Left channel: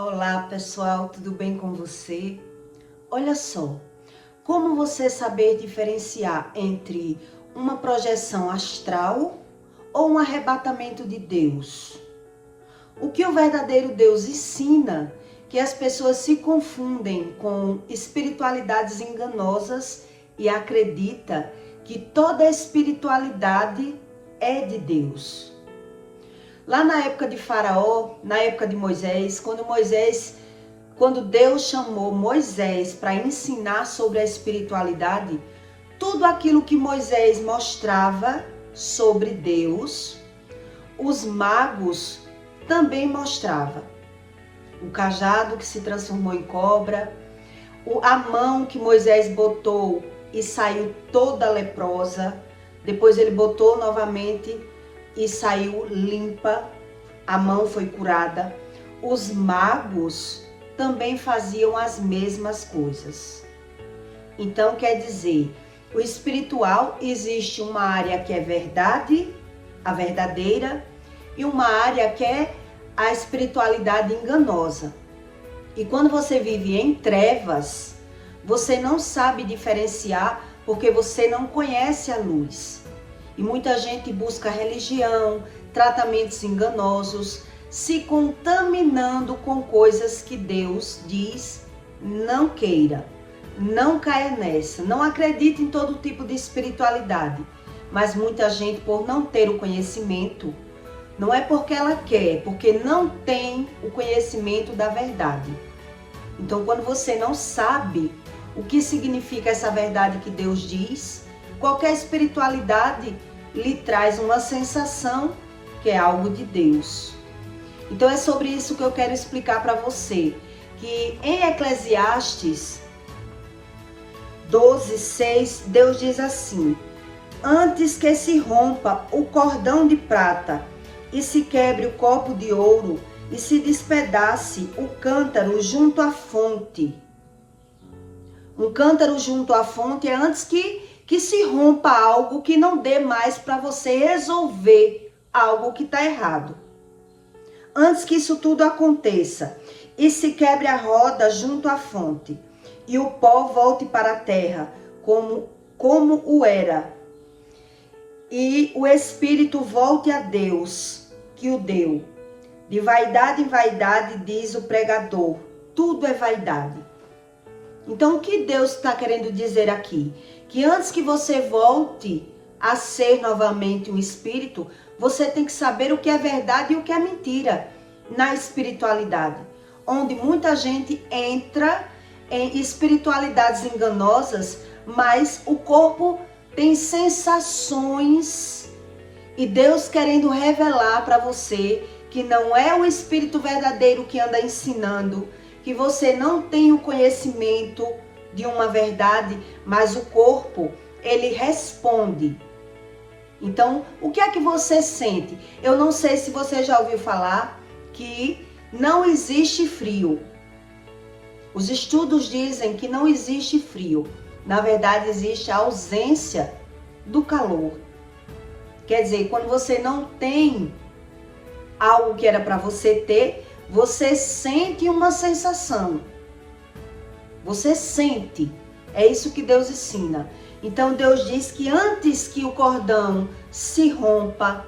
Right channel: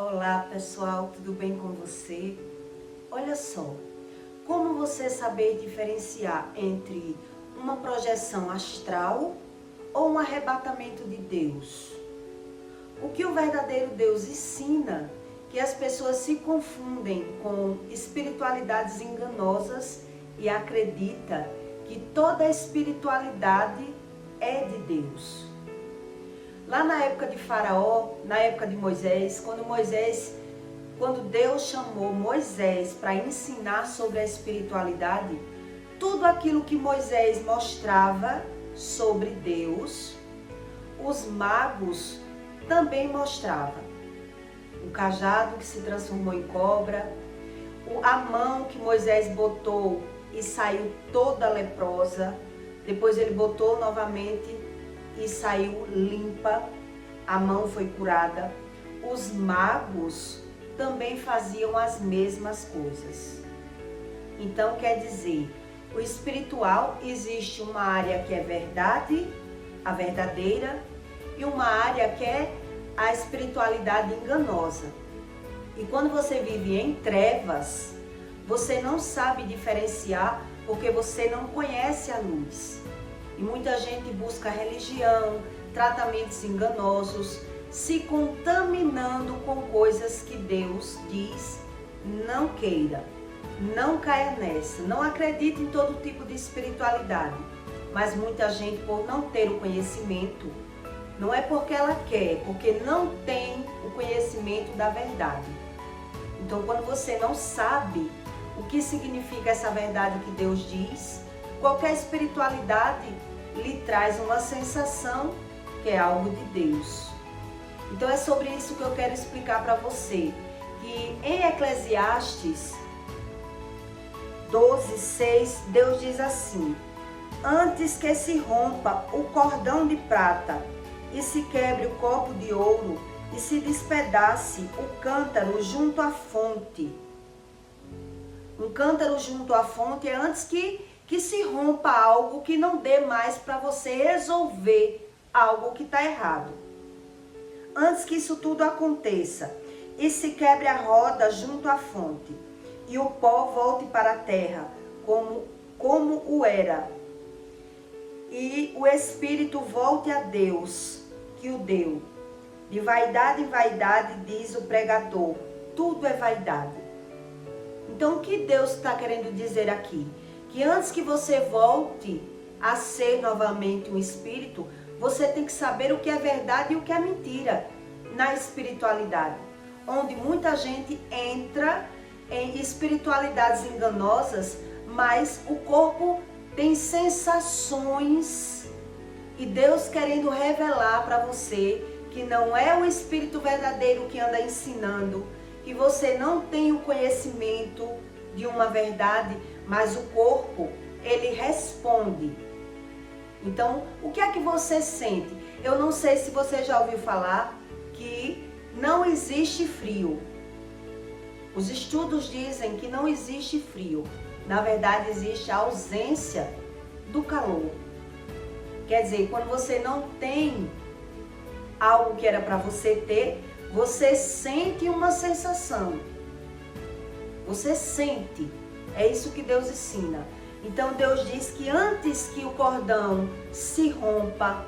Olá pessoal, tudo bem com você? Olha só, como você saber diferenciar entre uma projeção astral ou um arrebatamento de Deus? O que o verdadeiro Deus ensina que as pessoas se confundem com espiritualidades enganosas e acredita que toda espiritualidade é de Deus. Lá na época de Faraó, na época de Moisés, quando Deus chamou Moisés para ensinar sobre a espiritualidade, tudo aquilo que Moisés mostrava sobre Deus, os magos também mostravam. O cajado que se transformou em cobra, a mão que Moisés botou e saiu toda leprosa, depois ele botou novamente e saiu limpa, a mão foi curada. Os magos também faziam as mesmas coisas. Então quer dizer, o espiritual existe uma área que é verdade, a verdadeira, e uma área que é a espiritualidade enganosa. E quando você vive em trevas, você não sabe diferenciar porque você não conhece a luz. E muita gente busca religião, tratamentos enganosos, se contaminando com coisas que Deus diz não queira, não caia nessa, não acredite em todo tipo de espiritualidade. Mas muita gente, por não ter o conhecimento, não é porque ela quer, porque não tem o conhecimento da verdade. Então, quando você não sabe o que significa essa verdade que Deus diz, qualquer espiritualidade lhe traz uma sensação que é algo de Deus. Então é sobre isso que eu quero explicar para você, que em Eclesiastes 12:6, Deus diz assim: antes que se rompa o cordão de prata e se quebre o copo de ouro e se despedace o cântaro junto à fonte. Um cântaro junto à fonte é antes que se rompa algo, que não dê mais para você resolver algo que está errado. Antes que isso tudo aconteça, e se quebre a roda junto à fonte, e o pó volte para a terra, como o era, e o espírito volte a Deus, que o deu. De vaidade em vaidade, diz o pregador, tudo é vaidade. Então, o que Deus está querendo dizer aqui? Que antes que você volte a ser novamente um espírito, você tem que saber o que é verdade e o que é mentira na espiritualidade. Onde muita gente entra em espiritualidades enganosas, mas o corpo tem sensações. E Deus querendo revelar para você que não é o espírito verdadeiro que anda ensinando, que você não tem o conhecimento de uma verdade, mas o corpo, ele responde. Então, o que é que você sente? Eu não sei se você já ouviu falar que não existe frio. Os estudos dizem que não existe frio. Na verdade, existe a ausência do calor. Quer dizer, quando você não tem algo que era para você ter, você sente uma sensação. Você sente. É isso que Deus ensina. Então Deus diz que antes que o cordão se rompa,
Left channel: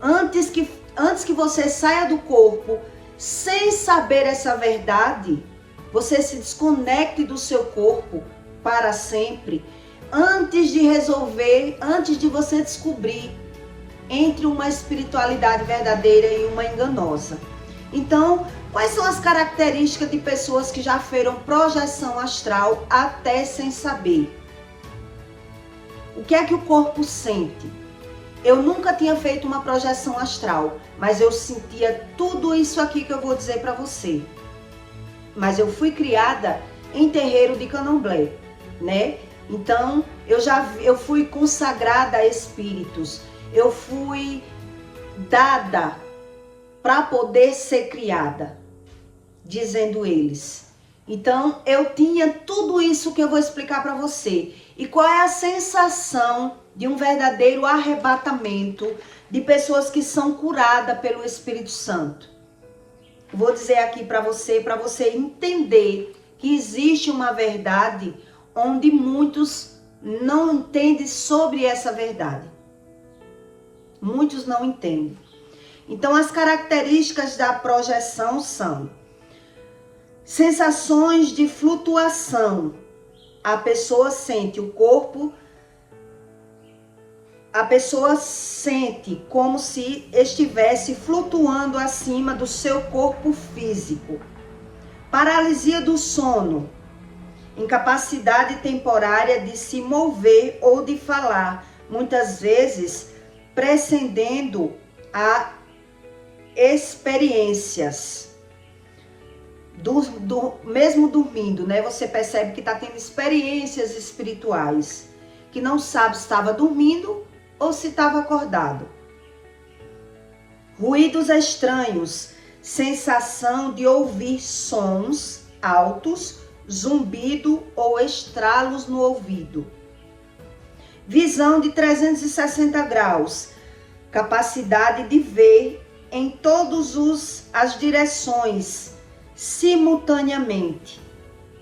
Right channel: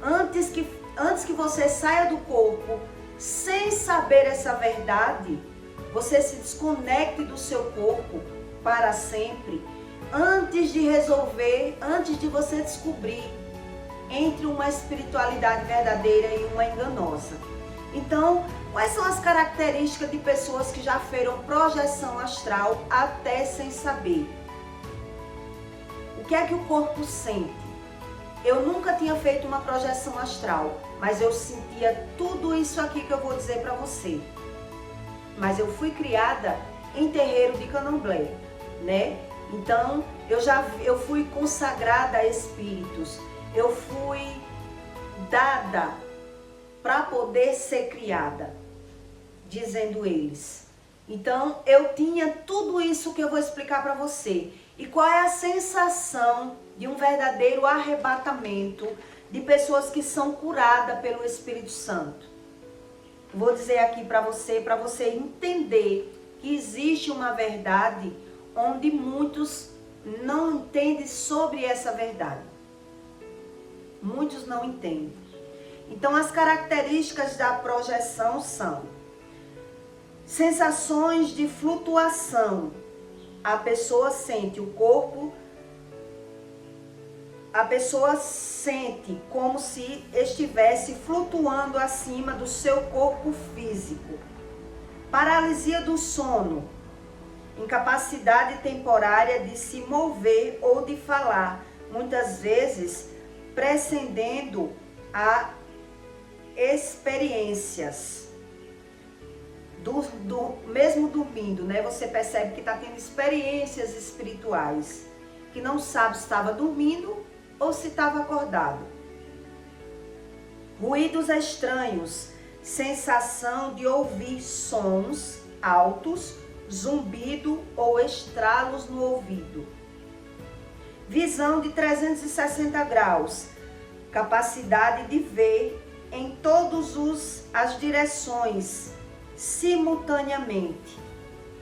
antes que você saia do corpo sem saber essa verdade, você se desconecte do seu corpo para sempre, antes de resolver, antes de você descobrir entre uma espiritualidade verdadeira e uma enganosa. Então, quais são as características de pessoas que já fizeram projeção astral até sem saber? O que é que o corpo sente? Eu nunca tinha feito uma projeção astral, mas eu sentia tudo isso aqui que eu vou dizer para você. Mas eu fui criada em terreiro de candomblé, né? Então, eu fui consagrada a espíritos. Eu fui dada para poder ser criada, dizendo eles. Então, eu tinha tudo isso que eu vou explicar para você. E qual é a sensação de um verdadeiro arrebatamento de pessoas que são curadas pelo Espírito Santo? Vou dizer aqui para você entender que existe uma verdade onde muitos não entendem sobre essa verdade. Muitos não entendem. Então, as características da projeção são sensações de flutuação. A pessoa sente o corpo, a pessoa sente como se estivesse flutuando acima do seu corpo físico. Paralisia do sono, incapacidade temporária de se mover ou de falar, muitas vezes precedendo a experiências. Mesmo dormindo, né? Você percebe que está tendo experiências espirituais, que não sabe se estava dormindo ou se estava acordado. Ruídos estranhos, sensação de ouvir sons altos, zumbido ou estralos no ouvido. Visão de 360 graus, capacidade de ver em todas as direções simultaneamente.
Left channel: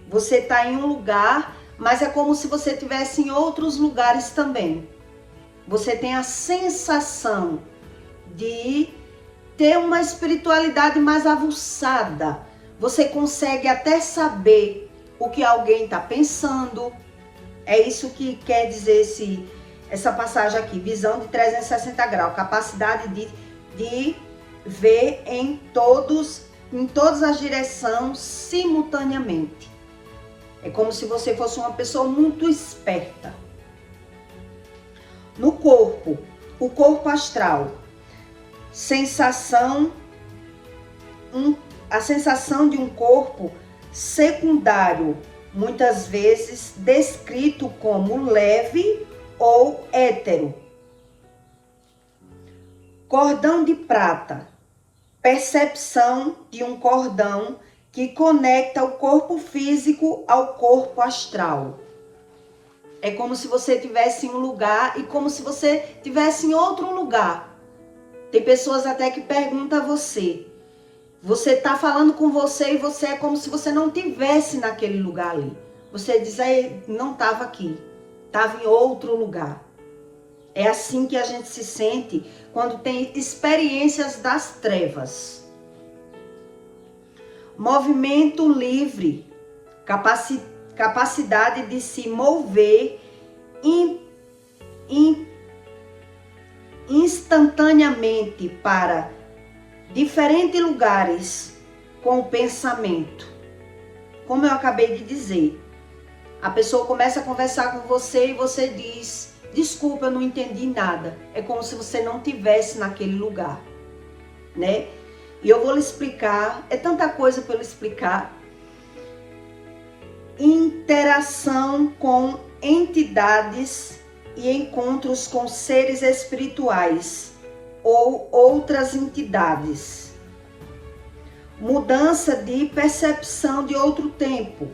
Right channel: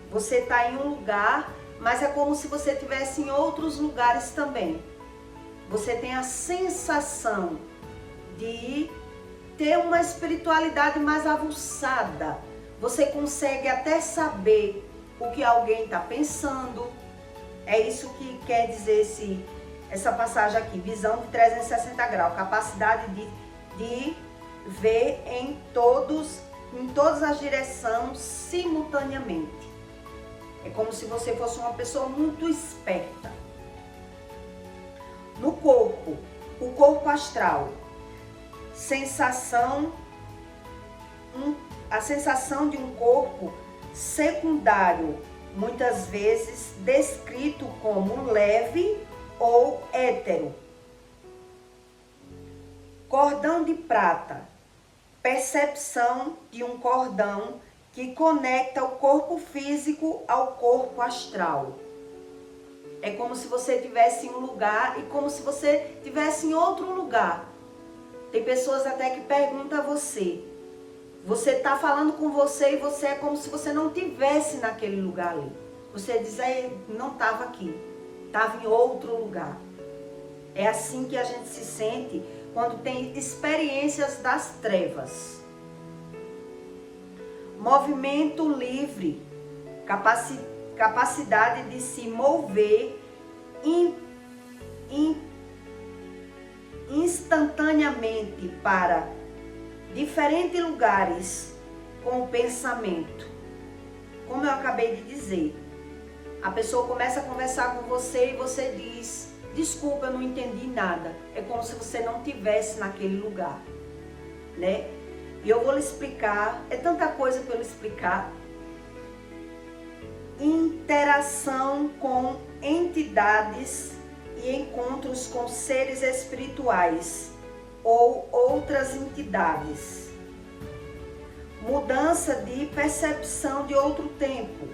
Você está em um lugar, mas é como se você estivesse em outros lugares também. Você tem a sensação de ter uma espiritualidade mais aguçada. Você consegue até saber o que alguém está pensando. É isso que quer dizer essa passagem aqui. Visão de 360 graus. Capacidade de ver em todas as direções simultaneamente. É como se você fosse uma pessoa muito esperta. No corpo, o corpo astral. A sensação de um corpo secundário, muitas vezes descrito como leve ou hétero. Cordão de prata, percepção de um cordão que conecta o corpo físico ao corpo astral. É como se você estivesse em um lugar e como se você estivesse em outro lugar. Tem pessoas até que perguntam a você. Você está falando com você e você é como se você não estivesse naquele lugar ali. Você diz, não estava aqui, estava em outro lugar. É assim que a gente se sente quando tem experiências das trevas. Movimento livre, capacidade de se mover instantaneamente para diferentes lugares com o pensamento. Como eu acabei de dizer, a pessoa começa a conversar com você e você diz, desculpa, eu não entendi nada. É como se você não estivesse naquele lugar, né? E eu vou lhe explicar, é tanta coisa para eu lhe explicar. Interação com entidades e encontros com seres espirituais ou outras entidades. Mudança de percepção de outro tempo.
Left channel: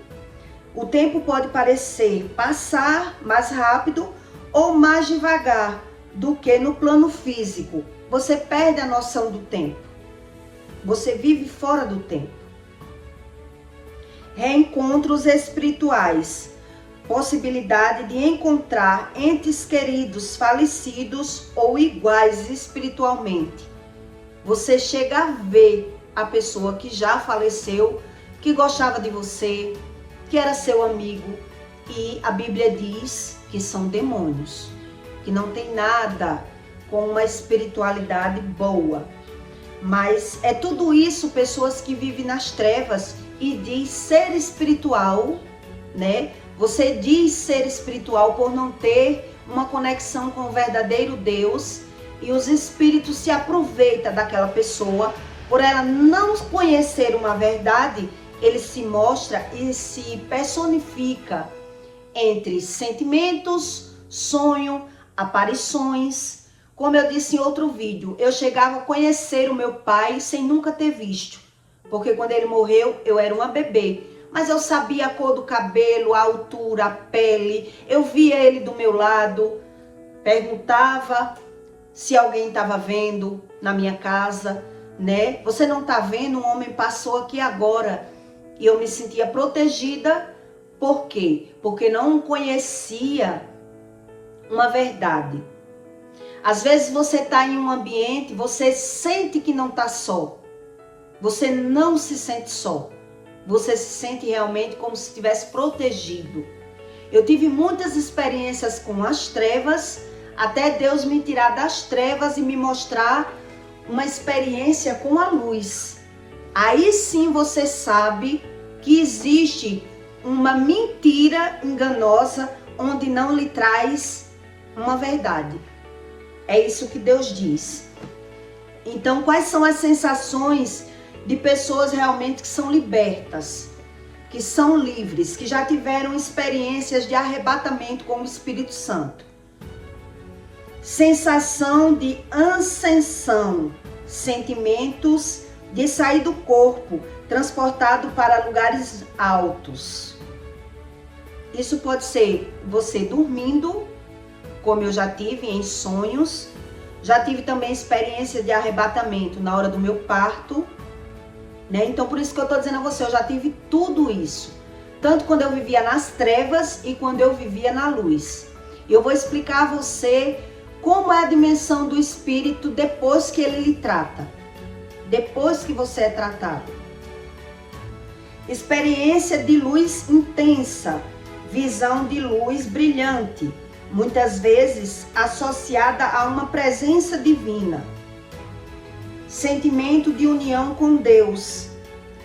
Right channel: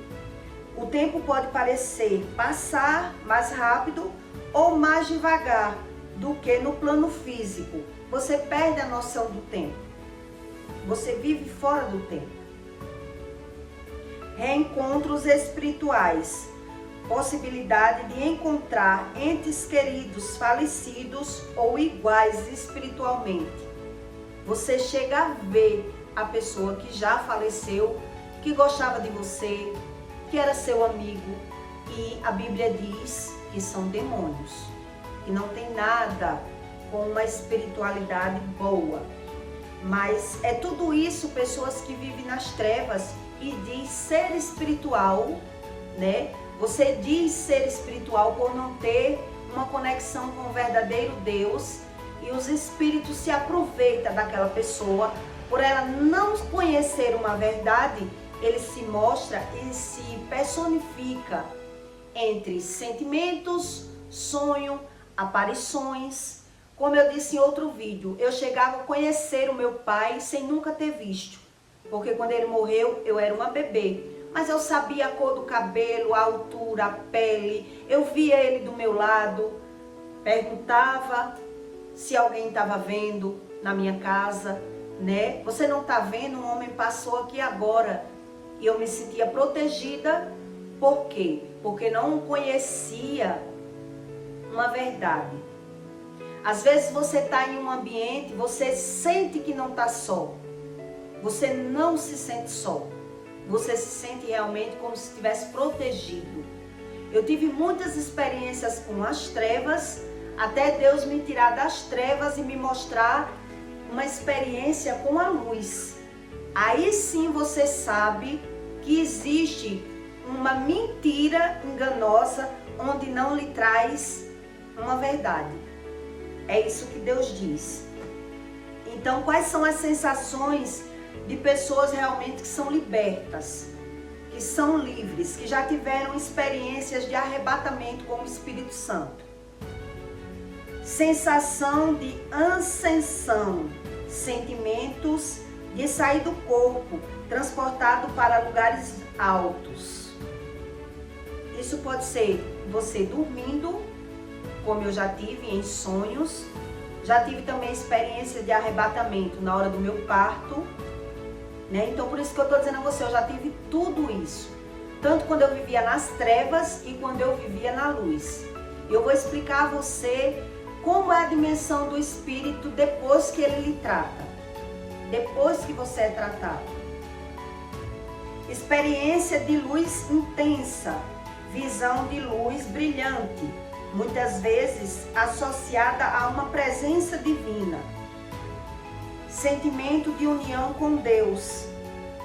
O tempo pode parecer passar mais rápido ou mais devagar do que no plano físico. Você perde a noção do tempo. Você vive fora do tempo. Reencontros espirituais. Possibilidade de encontrar entes queridos falecidos ou iguais espiritualmente. Você chega a ver a pessoa que já faleceu, que gostava de você, que era seu amigo, e a Bíblia diz que são demônios, que não tem nada com uma espiritualidade boa. Mas é tudo isso pessoas que vivem nas trevas e diz ser espiritual, né? Você diz ser espiritual por não ter uma conexão com o verdadeiro Deus e os espíritos se aproveitam daquela pessoa. Por ela não conhecer uma verdade, ele se mostra e se personifica entre sentimentos, sonho, aparições. Como eu disse em outro vídeo, eu chegava a conhecer o meu pai sem nunca ter visto. Porque quando ele morreu, eu era uma bebê. Mas eu sabia a cor do cabelo, a altura, a pele. Eu via ele do meu lado. Perguntava se alguém estava vendo na minha casa, né? Você não tá vendo, um homem passou aqui agora e eu me sentia protegida. Por quê? Porque não conhecia uma verdade. Às vezes você tá em um ambiente, você sente que não tá só. Você não se sente só. Você se sente realmente como se estivesse protegido. Eu tive muitas experiências com as trevas, até Deus me tirar das trevas e me mostrar uma experiência com a luz. Aí sim você sabe que existe uma mentira enganosa onde não lhe traz uma verdade. É isso que Deus diz. Então, quais são as sensações de pessoas realmente que são libertas, que são livres, que já tiveram experiências de arrebatamento com o Espírito Santo? Sensação de ascensão, sentimentos de sair do corpo, transportado para lugares altos. Isso pode ser você dormindo, como eu já tive em sonhos. Já tive também experiência de arrebatamento na hora do meu parto, né? Então por isso que eu tô dizendo a você, eu já tive tudo isso. Tanto quando eu vivia nas trevas e quando eu vivia na luz. E eu vou explicar a você como é a dimensão do Espírito depois que ele lhe trata. Depois que você é tratado. Experiência de luz intensa, visão de luz brilhante, muitas vezes associada a uma presença divina. Sentimento de união com Deus,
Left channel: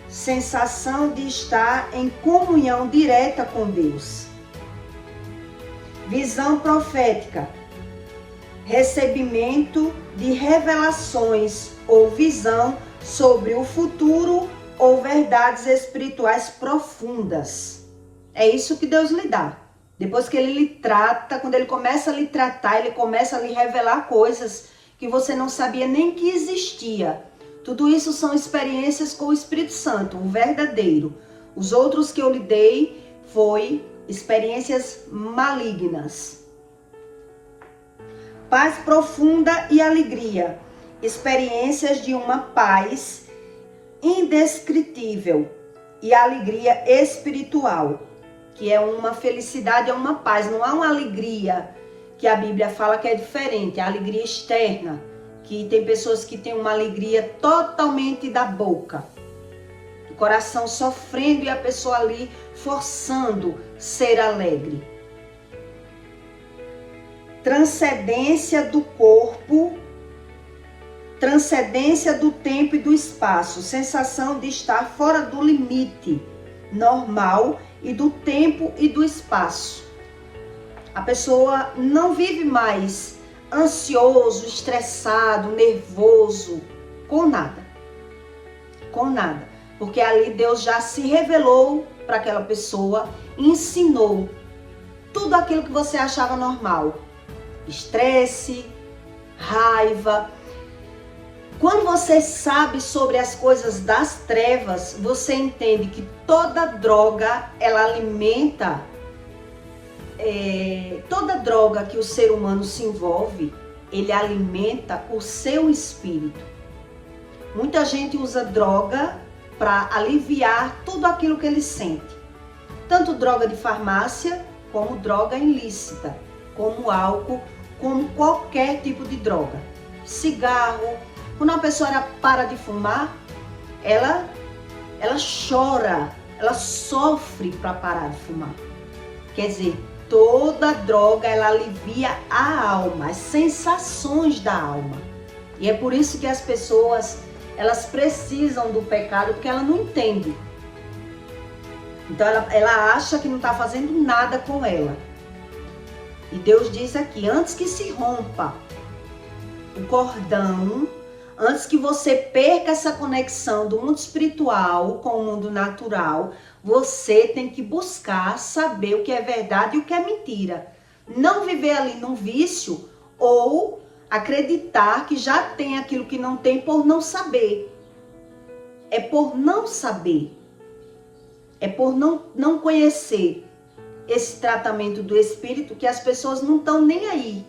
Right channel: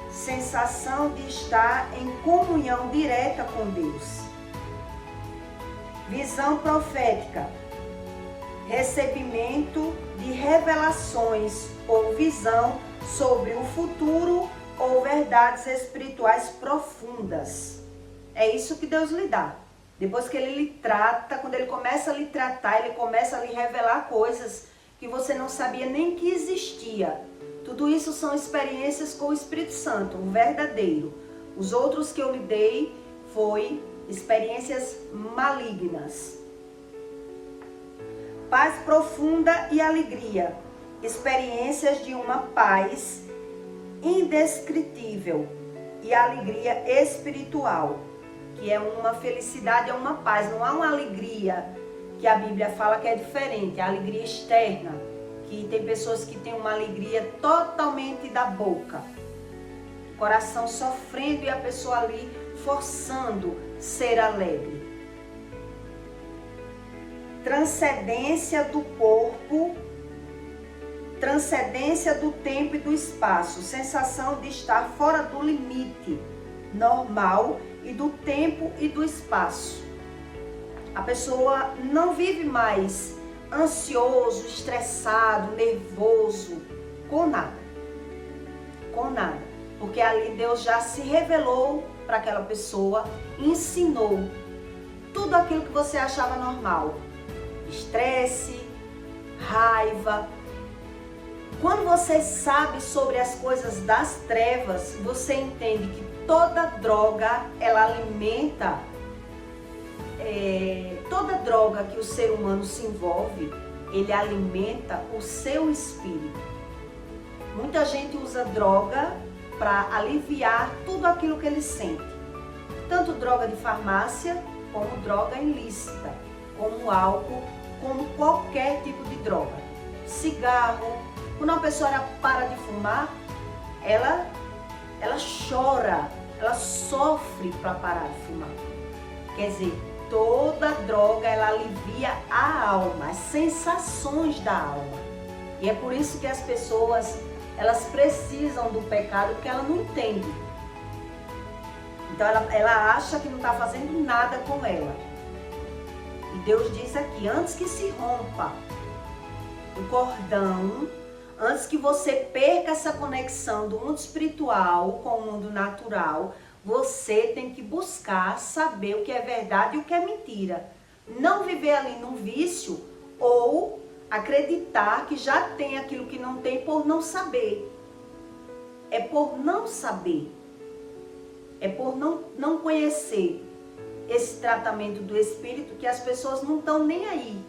sensação de estar em comunhão direta com Deus. Visão profética, recebimento de revelações ou visão sobre o futuro ou verdades espirituais profundas. É isso que Deus lhe dá. Depois que ele lhe trata, quando ele começa a lhe tratar, ele começa a lhe revelar coisas que você não sabia nem que existia. Tudo isso são experiências com o Espírito Santo, o verdadeiro. Os outros que eu lhe dei foi experiências malignas. Paz profunda e alegria. Experiências de uma paz indescritível e alegria espiritual, que é uma felicidade, é uma paz, não há uma alegria que a Bíblia fala que é diferente, a alegria externa, que tem pessoas que têm uma alegria totalmente da boca, o coração sofrendo e a pessoa ali forçando ser alegre. Transcendência do corpo, transcendência do tempo e do espaço, sensação de estar fora do limite normal e do tempo e do espaço. A pessoa não vive mais ansioso, estressado, nervoso, com nada. Com nada. Porque ali Deus já se revelou para aquela pessoa e ensinou tudo aquilo que você achava normal. Estresse, raiva. Quando você sabe sobre as coisas das trevas, você entende que toda droga, ela alimenta, toda droga que o ser humano se envolve, ele alimenta o seu espírito. Muita gente usa droga para aliviar tudo aquilo que ele sente. Tanto droga de farmácia, como droga ilícita, como álcool, como qualquer tipo de droga. Cigarro. Quando uma pessoa para de fumar, ela chora, ela sofre para parar de fumar. Quer dizer, toda droga, ela alivia a alma, as sensações da alma. E é por isso que as pessoas, elas precisam do pecado, porque ela não entende. Então ela acha que não está fazendo nada com ela. E Deus diz aqui, antes que se rompa o cordão, antes que você perca essa conexão do mundo espiritual com o mundo natural, você tem que buscar saber o que é verdade e o que é mentira. Não viver ali num vício ou acreditar que já tem aquilo que não tem por não saber. É por não saber. É por não conhecer esse tratamento do Espírito que as pessoas não estão nem aí.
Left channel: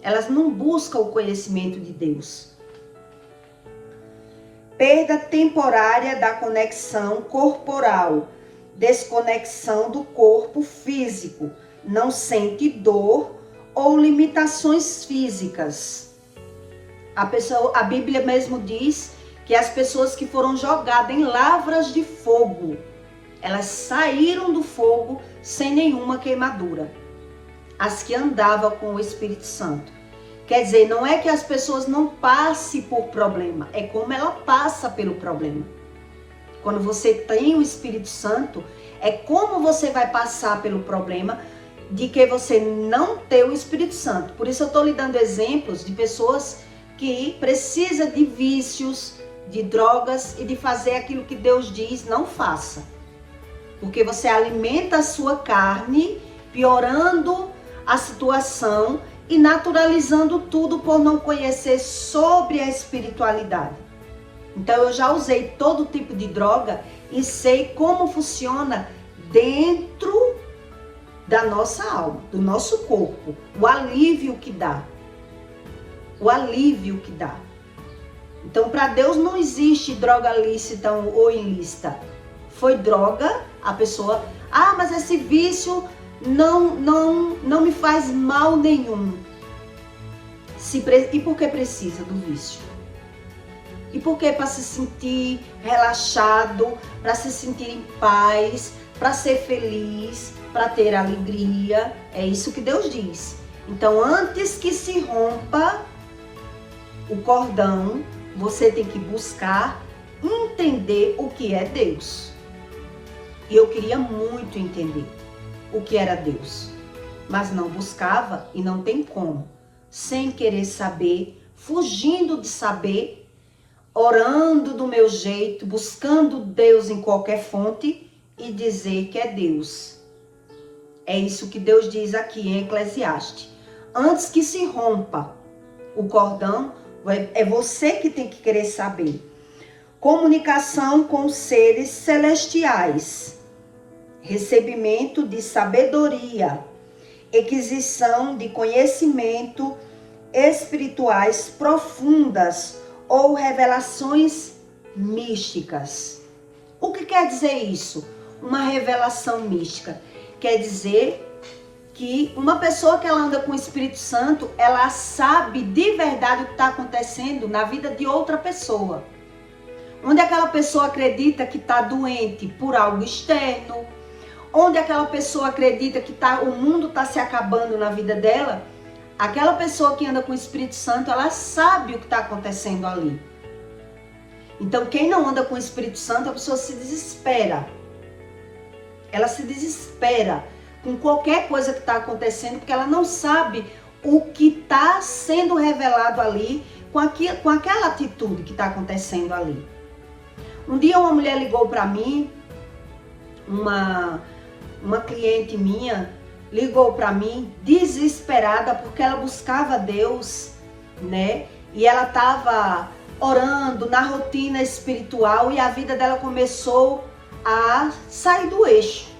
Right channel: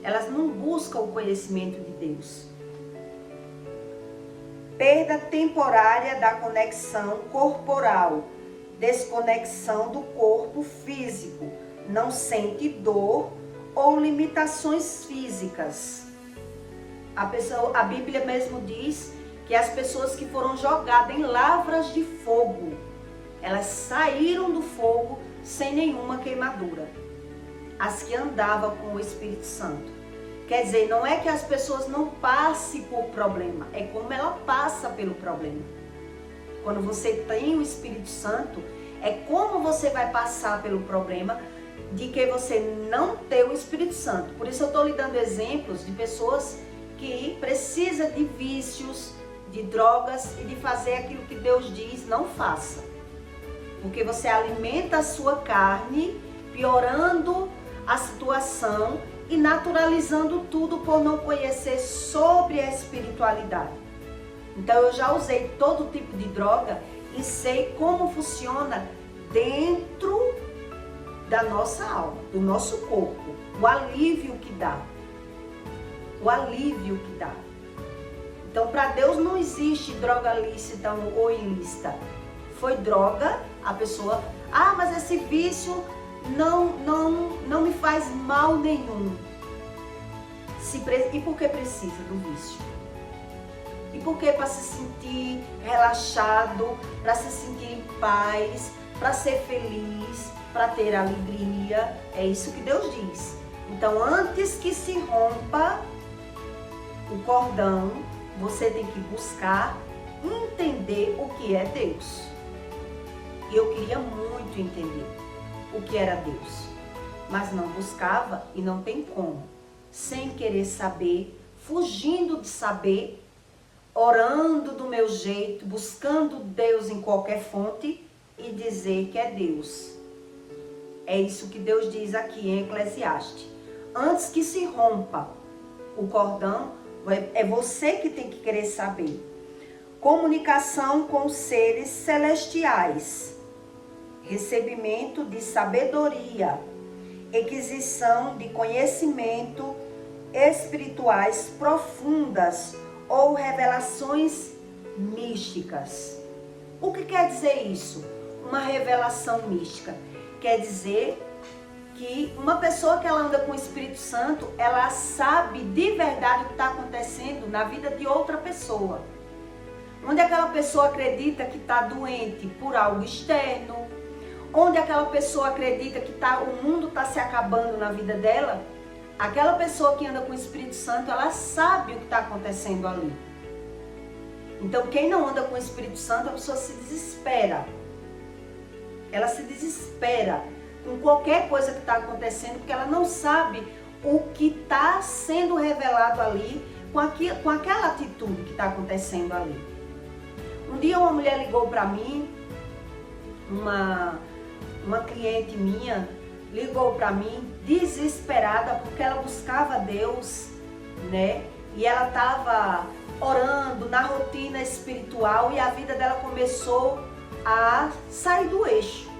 Elas não buscam o conhecimento de Deus. perda temporária da conexão corporal, desconexão do corpo físico, não sente dor ou limitações físicas. A Bíblia mesmo diz que as pessoas que foram jogadas em lavras de fogo, elas saíram do fogo sem nenhuma queimadura. As que andavam com o Espírito Santo. Quer dizer, não é que as pessoas não passem por problema, é como ela passa pelo problema. Quando você tem o Espírito Santo, é como você vai passar pelo problema de que você não tem o Espírito Santo. Por isso eu estou lhe dando exemplos de pessoas que precisam de vícios, de drogas e de fazer aquilo que Deus diz, não faça. Porque você alimenta a sua carne, piorando a situação e naturalizando tudo por não conhecer sobre a espiritualidade. Então eu já usei todo tipo de droga e sei como funciona dentro da nossa alma, do nosso corpo, o alívio que dá. O alívio que dá. Então para Deus não existe droga lícita ou ilícita. Foi droga, a pessoa, mas esse vício não me faz mal nenhum. E por que precisa do vício? E por que? Para se sentir relaxado, para se sentir em paz, para ser feliz, para ter alegria. É isso que Deus diz. Então, antes que se rompa o cordão, você tem que buscar entender o que é Deus. E eu queria muito entender o que era Deus, mas não buscava e não tem como, sem querer saber, fugindo de saber, orando do meu jeito, buscando Deus em qualquer fonte e dizer que é Deus. É isso que Deus diz aqui em Eclesiastes. Antes que se rompa o cordão, é você que tem que querer saber. Comunicação com os seres celestiais. Recebimento de sabedoria, aquisição de conhecimento espirituais profundas ou revelações místicas. O que quer dizer isso? Uma revelação mística quer dizer que uma pessoa que ela anda com o Espírito Santo, ela sabe de verdade o que está acontecendo na vida de outra pessoa. Onde aquela pessoa acredita que está doente por algo externo, onde aquela pessoa acredita que o mundo está se acabando na vida dela, aquela pessoa que anda com o Espírito Santo, ela sabe o que está acontecendo ali. Então, quem não anda com o Espírito Santo, a pessoa se desespera. Ela se desespera com qualquer coisa que está acontecendo, porque ela não sabe o que está sendo revelado ali com aquela atitude que está acontecendo ali. Um dia uma mulher ligou para mim, uma cliente minha ligou para mim desesperada porque ela buscava Deus, né? E ela estava orando na rotina espiritual e a vida dela começou a sair do eixo.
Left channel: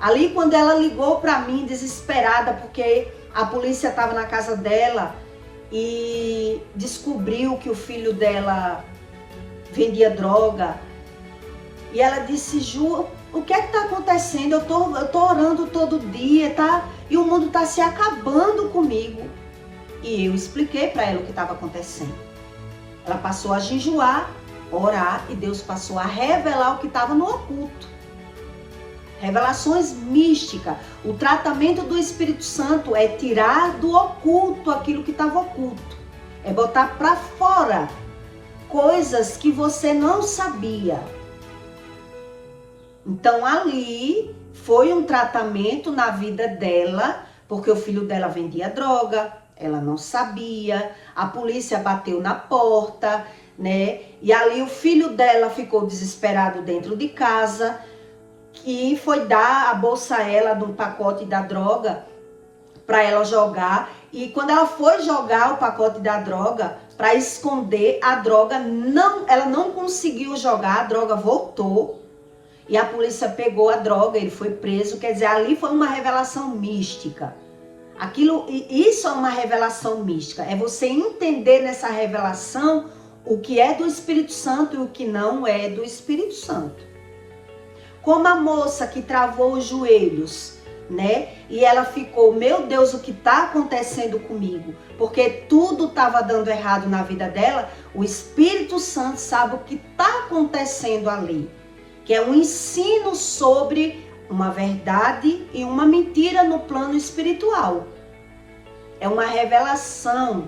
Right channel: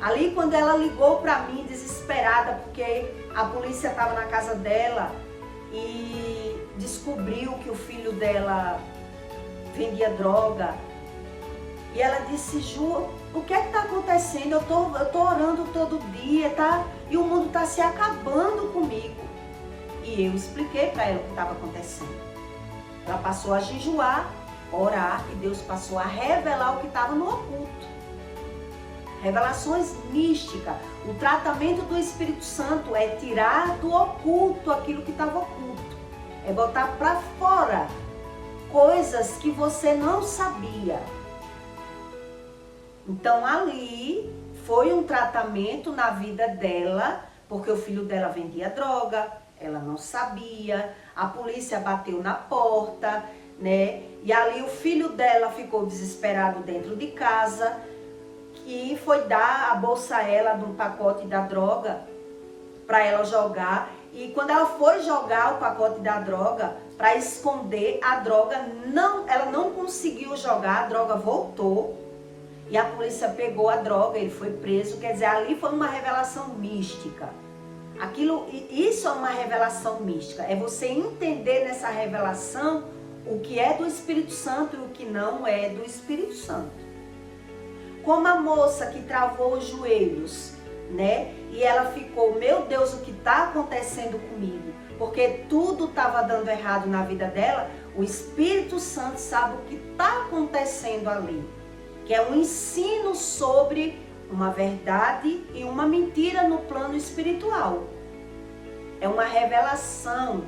Ali quando ela ligou para mim desesperada porque a polícia estava na casa dela e descobriu que o filho dela vendia droga. E ela disse: Ju, o que é que está acontecendo? Eu tô orando todo dia, tá? E o mundo está se acabando comigo. E eu expliquei para ela o que estava acontecendo. Ela passou a jejuar, orar, e Deus passou a revelar o que estava no oculto. Revelações místicas. O tratamento do Espírito Santo é tirar do oculto aquilo que estava oculto. É botar para fora coisas que você não sabia. Então ali foi um tratamento na vida dela, porque o filho dela vendia droga, ela não sabia, a polícia bateu na porta, né? E ali o filho dela ficou desesperado dentro de casa e foi dar a bolsa a ela de um pacote da droga para ela jogar. E quando ela foi jogar o pacote da droga para esconder a droga, ela não conseguiu jogar, a droga voltou. E a polícia pegou a droga, ele foi preso. Quer dizer, ali foi uma revelação mística. Isso é uma revelação mística. É você entender nessa revelação o que é do Espírito Santo e o que não é do Espírito Santo. Como a moça que travou os joelhos, né? E ela ficou, meu Deus, o que está acontecendo comigo? Porque tudo estava dando errado na vida dela. O Espírito Santo sabe o que está acontecendo ali. Que é um ensino sobre uma verdade e uma mentira no plano espiritual. É uma revelação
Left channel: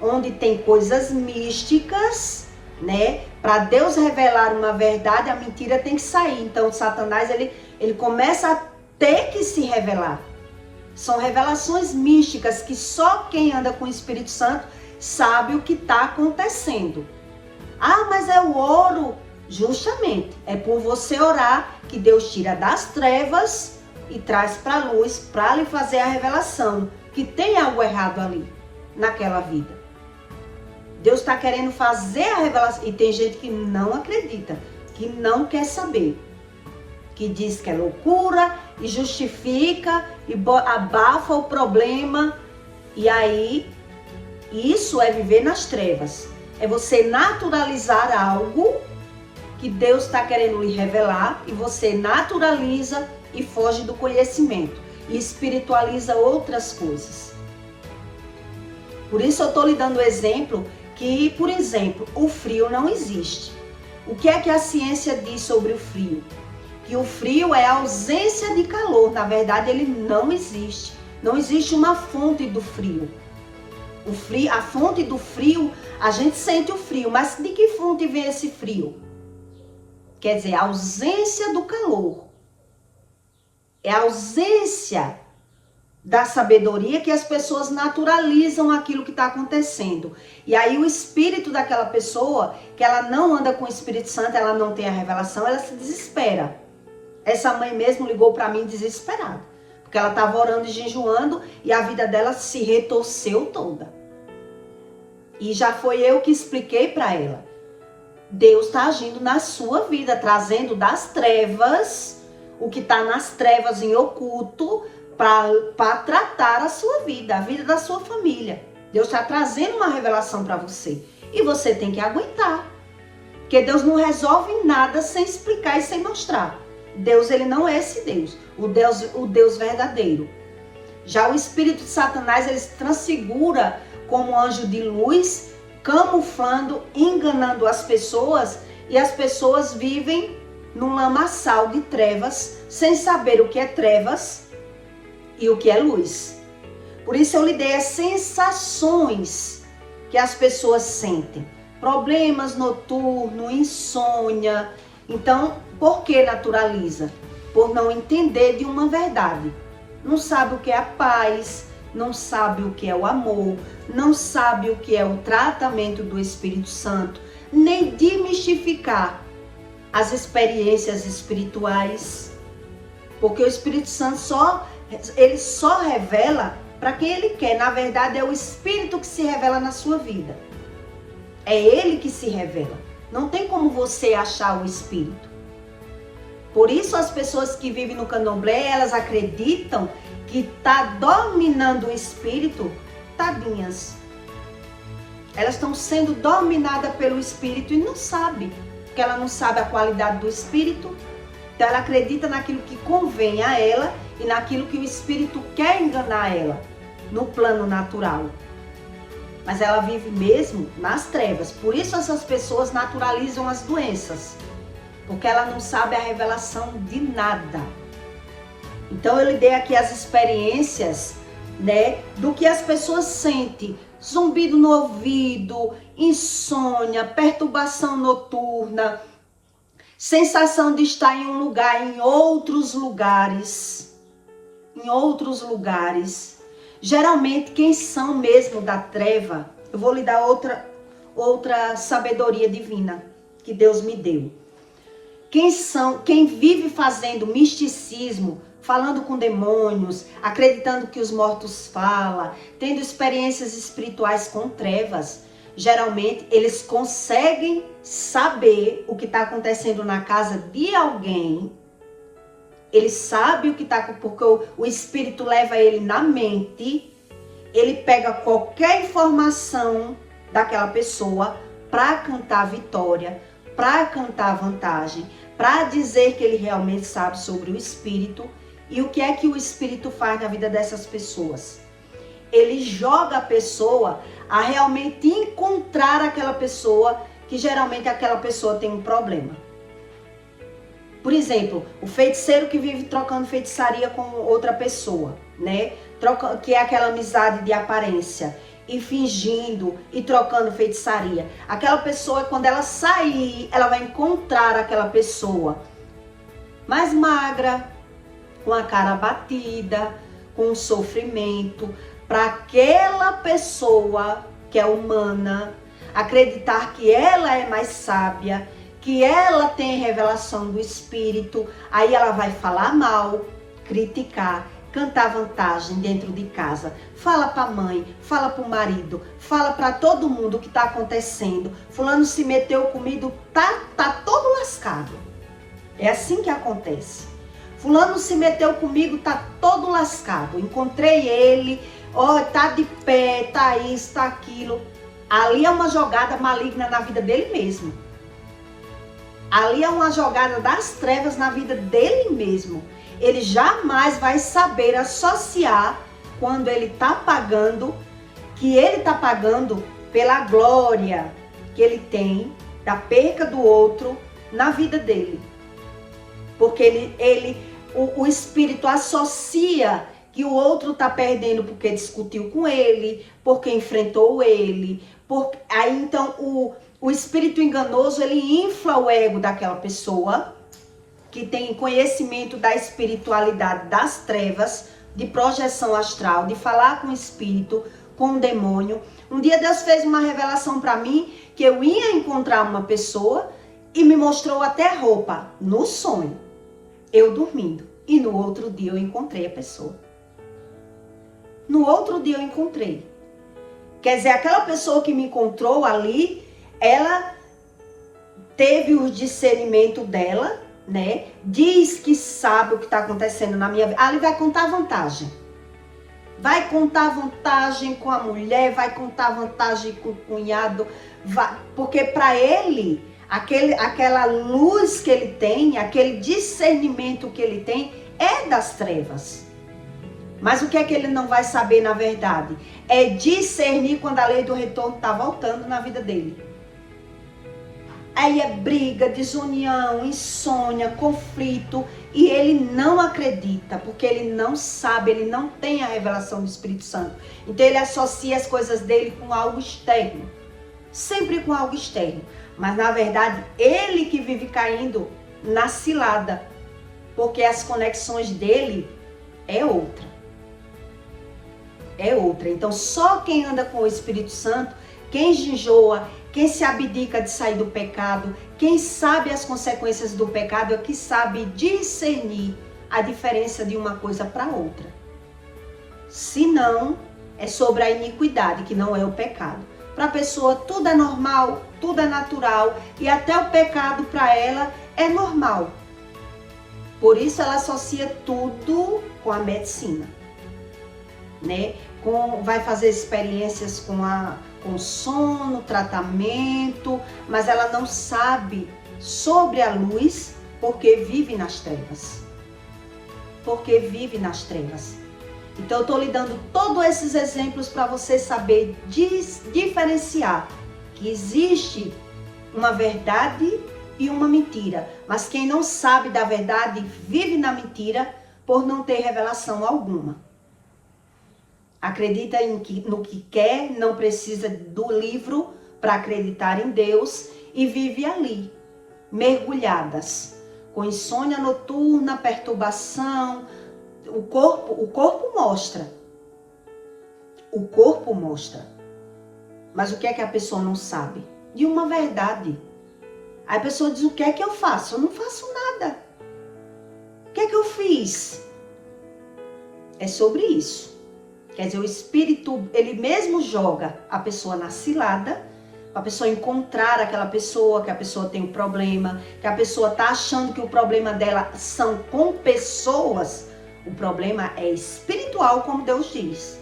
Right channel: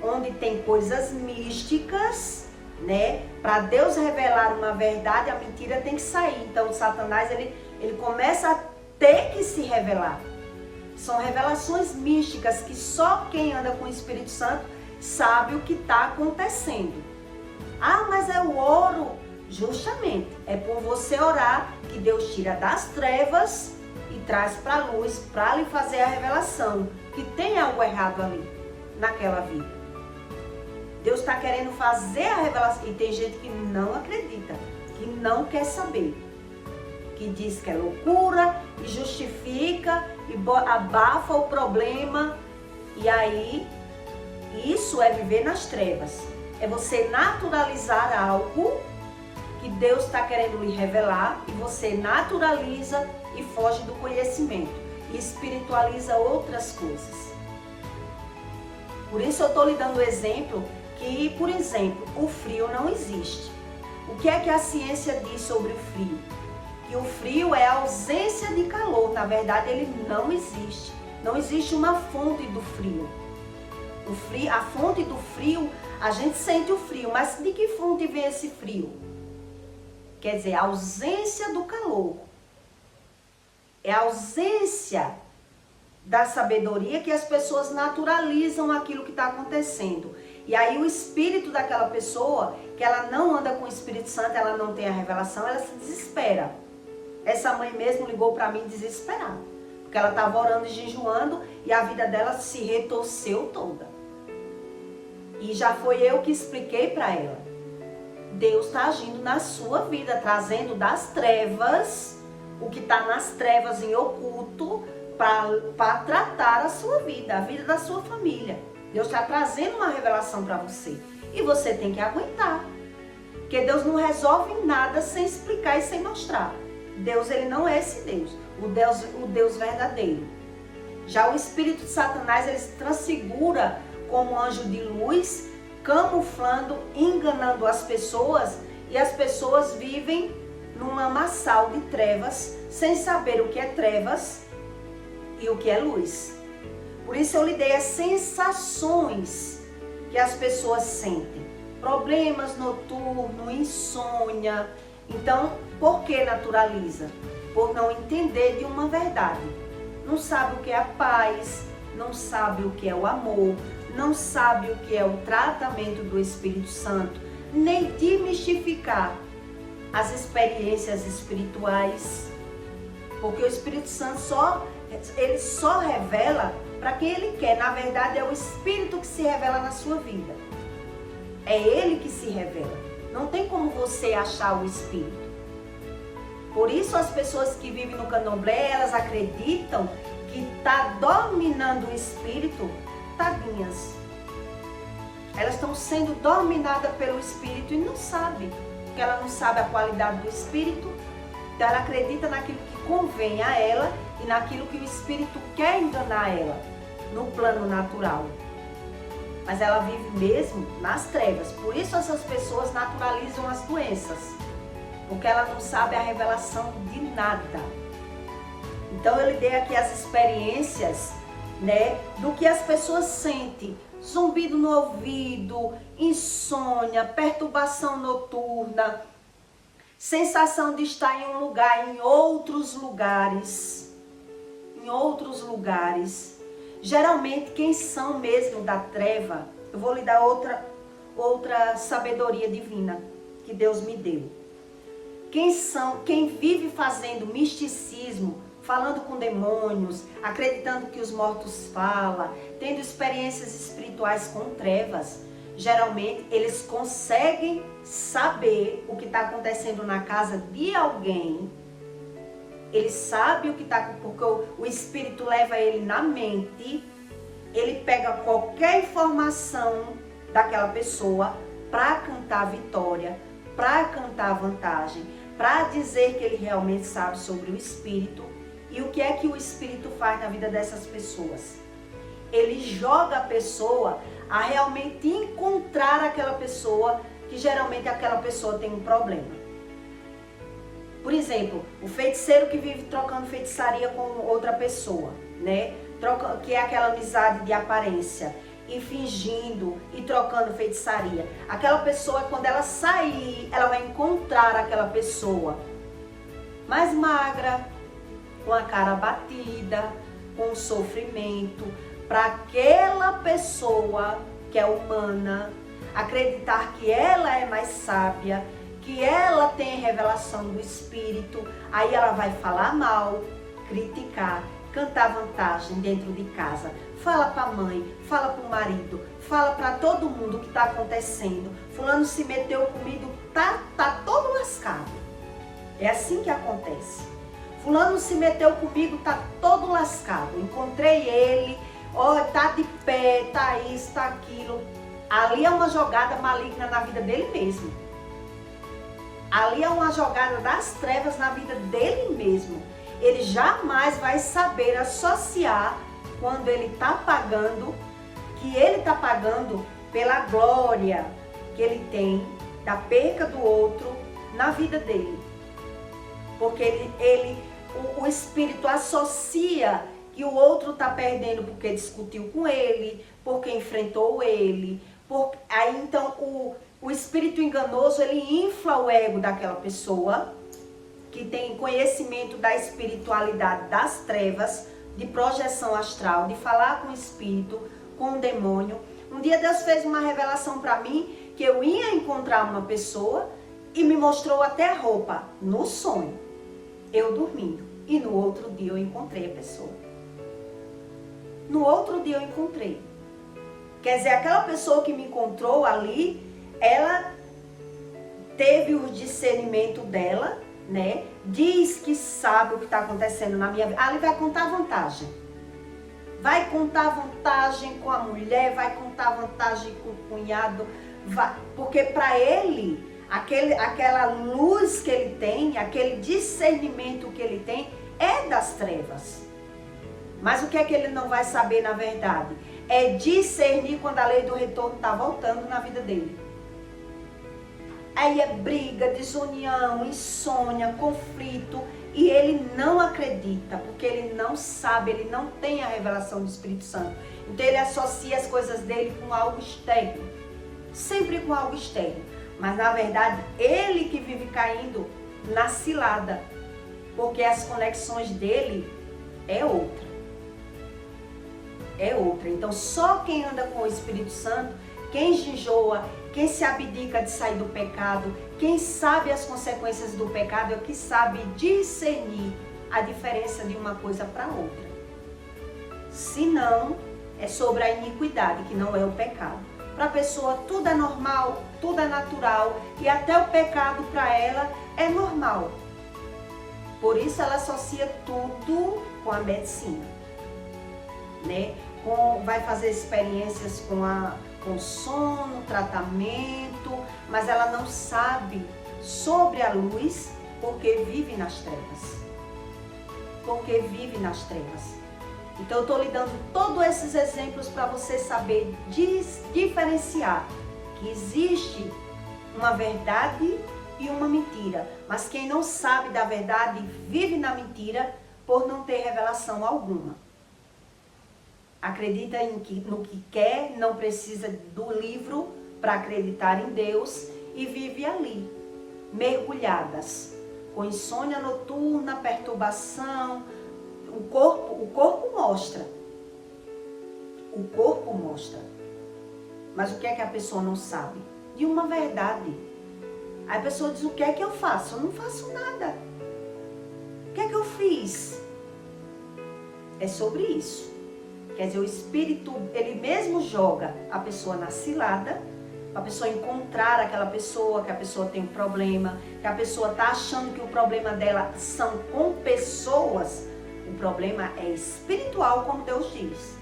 onde tem coisas místicas, né? Para Deus revelar uma verdade, a mentira tem que sair. Então, Satanás, ele começa a ter que se revelar. São revelações místicas que só quem anda com o Espírito Santo sabe o que está acontecendo. Ah, mas é o ouro. Justamente, é por você orar que Deus tira das trevas e traz para a luz para lhe fazer a revelação que tem algo errado ali, naquela vida. Deus está querendo fazer a revelação. E tem gente que não acredita, que não quer saber. Que diz que é loucura e justifica e abafa o problema. E aí, isso é viver nas trevas. É você naturalizar algo que Deus está querendo lhe revelar e você naturaliza e foge do conhecimento e espiritualiza outras coisas. Por isso eu estou lhe dando o exemplo que, por exemplo, o frio não existe. O que é que a ciência diz sobre o frio? Que o frio é a ausência de calor. Na verdade, ele não existe. Não existe uma fonte do frio. A fonte do frio, a gente sente o frio, mas de que fonte vem esse frio? Quer dizer, a ausência do calor. É a ausência da sabedoria que as pessoas naturalizam aquilo que está acontecendo. E aí o espírito daquela pessoa, que ela não anda com o Espírito Santo, ela não tem a revelação, ela se desespera. Essa mãe mesmo ligou para mim desesperada. Porque ela estava orando e jejuando e a vida dela se retorceu toda. E já foi eu que expliquei para ela. Deus está agindo na sua vida, trazendo das trevas, o que está nas trevas em oculto, para tratar a sua vida, a vida da sua família. Deus está trazendo uma revelação para você. E você tem que aguentar. Porque Deus não resolve nada sem explicar e sem mostrar. Deus, ele não é esse Deus. O Deus verdadeiro. Já o espírito de Satanás, ele se transfigura como anjo de luz, camuflando, enganando as pessoas, e as pessoas vivem num lamaçal de trevas, sem saber o que é trevas e o que é luz. Por isso eu lhe dei as sensações que as pessoas sentem. Problemas noturnos, insônia. Então, por que naturaliza? Por não entender de uma verdade. Não sabe o que é a paz, não sabe o que é o amor, não sabe o que é o tratamento do Espírito Santo, nem demistificar as experiências espirituais. Porque o Espírito Santo só revela para quem ele quer. Na verdade, é o Espírito que se revela na sua vida. É ele que se revela. Não tem como você achar o Espírito. Por isso as pessoas que vivem no candomblé, elas acreditam que está dominando o Espírito, tadinhas. Elas estão sendo dominadas pelo Espírito e não sabem. Porque ela não sabe a qualidade do Espírito. Então ela acredita naquilo que convém a ela e naquilo que o Espírito quer enganar ela, no plano natural. Mas ela vive mesmo nas trevas. Por isso essas pessoas naturalizam as doenças. Porque ela não sabe a revelação de nada. Então eu lhe dei aqui as experiências, né, do que as pessoas sentem. Zumbido no ouvido, insônia, perturbação noturna, sensação de estar em um lugar, em outros lugares. Em outros lugares. Geralmente quem são mesmo da treva, eu vou lhe dar outra sabedoria divina que Deus me deu. Quem vive fazendo misticismo, falando com demônios, acreditando que os mortos falam, tendo experiências espirituais com trevas, geralmente eles conseguem saber o que está acontecendo na casa de alguém Ele sabe o que está, porque o espírito leva ele na mente, ele pega qualquer informação daquela pessoa para cantar vitória, para cantar vantagem, para dizer que ele realmente sabe sobre o espírito. E o que é que o espírito faz na vida dessas pessoas? Ele joga a pessoa a realmente encontrar aquela pessoa, que geralmente aquela pessoa tem um problema. Por exemplo, o feiticeiro que vive trocando feitiçaria com outra pessoa, né? Que é aquela amizade de aparência, e fingindo e trocando feitiçaria. Aquela pessoa, quando ela sair, ela vai encontrar aquela pessoa mais magra, com a cara abatida, com sofrimento, para aquela pessoa que é humana acreditar que ela é mais sábia, que ela tem revelação do espírito. Aí ela vai falar mal, criticar, cantar vantagem dentro de casa, fala para a mãe, fala para o marido, fala para todo mundo o que está acontecendo. Fulano se meteu comigo, tá todo lascado. É assim que acontece. Fulano se meteu comigo, tá todo lascado. Encontrei ele, ó, tá de pé, tá isso, tá aquilo. Ali é uma jogada maligna na vida dele mesmo. Ali é uma jogada das trevas na vida dele mesmo. Ele jamais vai saber associar quando ele está pagando, que ele está pagando pela glória que ele tem da perca do outro na vida dele. Porque o espírito associa que o outro está perdendo porque discutiu com ele, porque enfrentou ele. Aí então o espírito enganoso, ele infla o ego daquela pessoa que tem conhecimento da espiritualidade das trevas, de projeção astral, de falar com o espírito, com o demônio. Um dia Deus fez uma revelação para mim que eu ia encontrar uma pessoa e me mostrou até a roupa no sonho, eu dormindo. E no outro dia eu encontrei a pessoa. No outro dia eu encontrei. Quer dizer, aquela pessoa que me encontrou ali, ela teve o discernimento dela, né? Diz que sabe o que está acontecendo na minha vida. Ali vai contar vantagem. Vai contar vantagem com a mulher, vai contar vantagem com o cunhado. Porque para ele, aquela luz que ele tem, aquele discernimento que ele tem, é das trevas. Mas o que é que ele não vai saber na verdade? É discernir quando a lei do retorno está voltando na vida dele. Aí é briga, desunião, insônia, conflito, e ele não acredita, porque ele não sabe, ele não tem a revelação do Espírito Santo. Então ele associa as coisas dele com algo externo, sempre com algo externo. Mas na verdade, ele que vive caindo na cilada, porque as conexões dele é outra. É outra. Então só quem anda com o Espírito Santo, quem jejua, quem se abdica de sair do pecado, quem sabe as consequências do pecado, é que sabe discernir a diferença de uma coisa para outra. Se não, é sobre a iniquidade, que não é o pecado. Para a pessoa tudo é normal, tudo é natural, e até o pecado para ela é normal. Por isso ela associa tudo com a medicina, né? Vai fazer experiências com sono, tratamento, mas ela não sabe sobre a luz porque vive nas trevas. Porque vive nas trevas. Então eu estou lhe dando todos esses exemplos para você saber diferenciar que existe uma verdade e uma mentira. Mas quem não sabe da verdade vive na mentira por não ter revelação alguma. Acredita no que quer, não precisa do livro para acreditar em Deus e vive ali, mergulhadas, com insônia noturna, perturbação. O corpo mostra. O corpo mostra. Mas o que é que a pessoa não sabe? De uma verdade. Aí a pessoa diz, o que é que eu faço? Eu não faço nada. O que é que eu fiz? É sobre isso. Quer dizer, o espírito, ele mesmo joga a pessoa na cilada, para a pessoa encontrar aquela pessoa, que a pessoa tem um problema, que a pessoa está achando que o problema dela são com pessoas. O problema é espiritual, como Deus diz.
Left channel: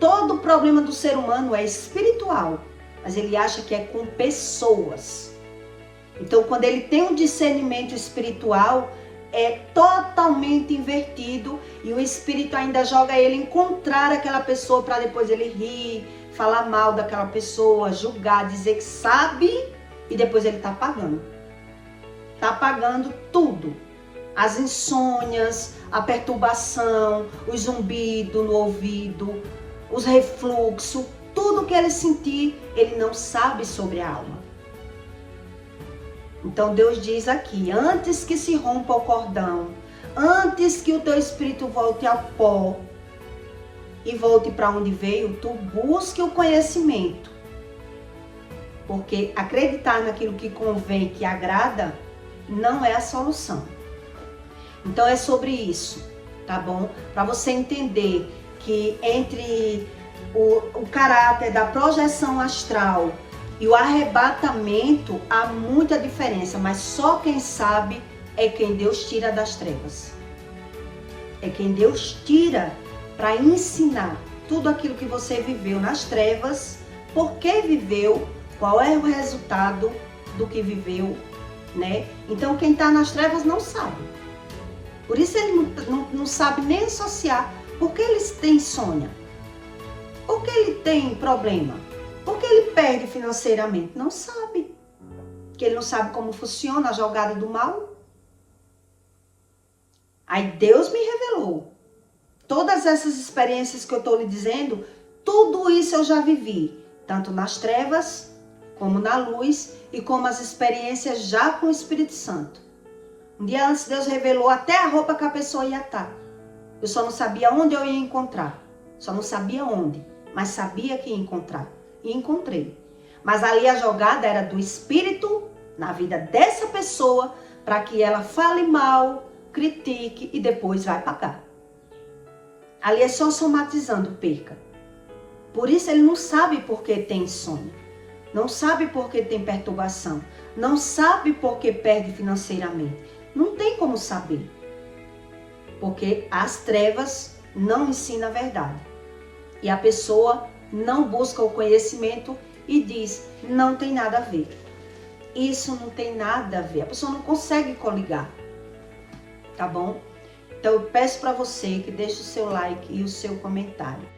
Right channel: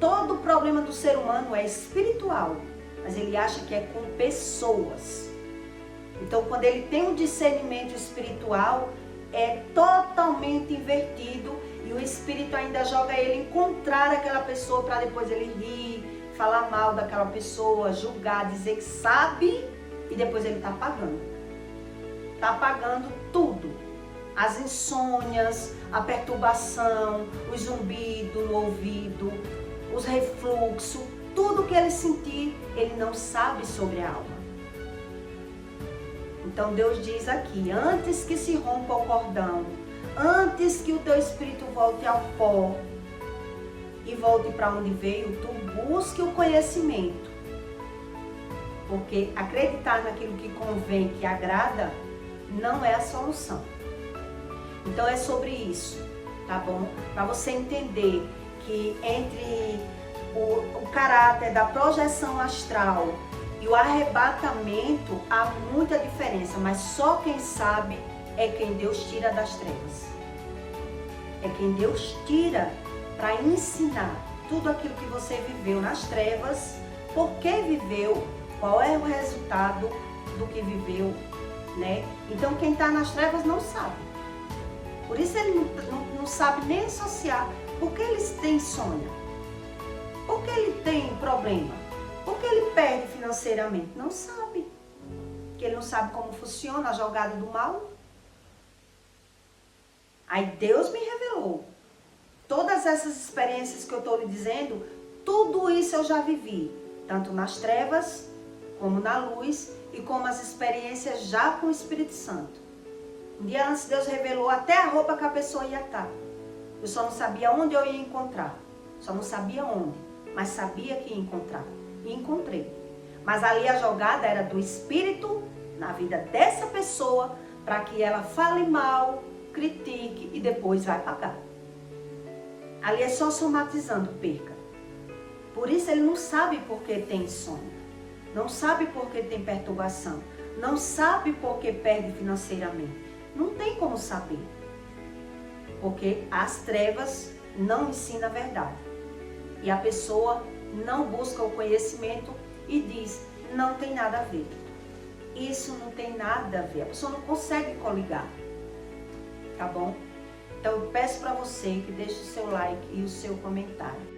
Todo problema do ser humano é espiritual, mas ele acha que é com pessoas. Então, quando ele tem um discernimento espiritual, é totalmente invertido e o espírito ainda joga ele encontrar aquela pessoa para depois ele rir, falar mal daquela pessoa, julgar, dizer que sabe e depois ele está apagando. Está apagando tudo. As insônias, a perturbação, o zumbido no ouvido, os refluxos, tudo que ele sentir, ele não sabe sobre a alma. Então Deus diz aqui, antes que se rompa o cordão, antes que o teu espírito volte ao pó e volte para onde veio, tu busque o conhecimento. Porque acreditar naquilo que convém, que agrada, não é a solução. Então é sobre isso, tá bom? Para você entender que entre o caráter da projeção astral e o arrebatamento há muita diferença, mas só quem sabe é quem Deus tira das trevas. É quem Deus tira para ensinar tudo aquilo que você viveu nas trevas, por que viveu, qual é o resultado do que viveu, né? Então quem está nas trevas não sabe. Por isso ele não sabe nem associar. Por que ele tem insônia? Por que ele tem problema? Por que ele perde financeiramente? Não sabe. Porque ele não sabe como funciona a jogada do mal. Aí Deus me revelou. Todas essas experiências que eu estou lhe dizendo, tudo isso eu já vivi. Tanto nas trevas, como na luz, e como as experiências já com o Espírito Santo. Um dia antes Deus revelou até a roupa que a pessoa ia estar. Eu só não sabia onde eu ia encontrar. Só não sabia onde, mas sabia que ia encontrar. E encontrei. Mas ali a jogada era do Espírito na vida dessa pessoa para que ela fale mal, critique e depois vai pagar. Ali é só somatizando perca. Por isso ele não sabe por que tem insônia. Não sabe por que tem perturbação. Não sabe por que perde financeiramente. Não tem como saber. Porque as trevas não ensinam a verdade. E a pessoa não busca o conhecimento e diz, não tem nada a ver. Isso não tem nada a ver. A pessoa não consegue coligar. Tá bom? Então eu peço para você que deixe o seu like e o seu comentário.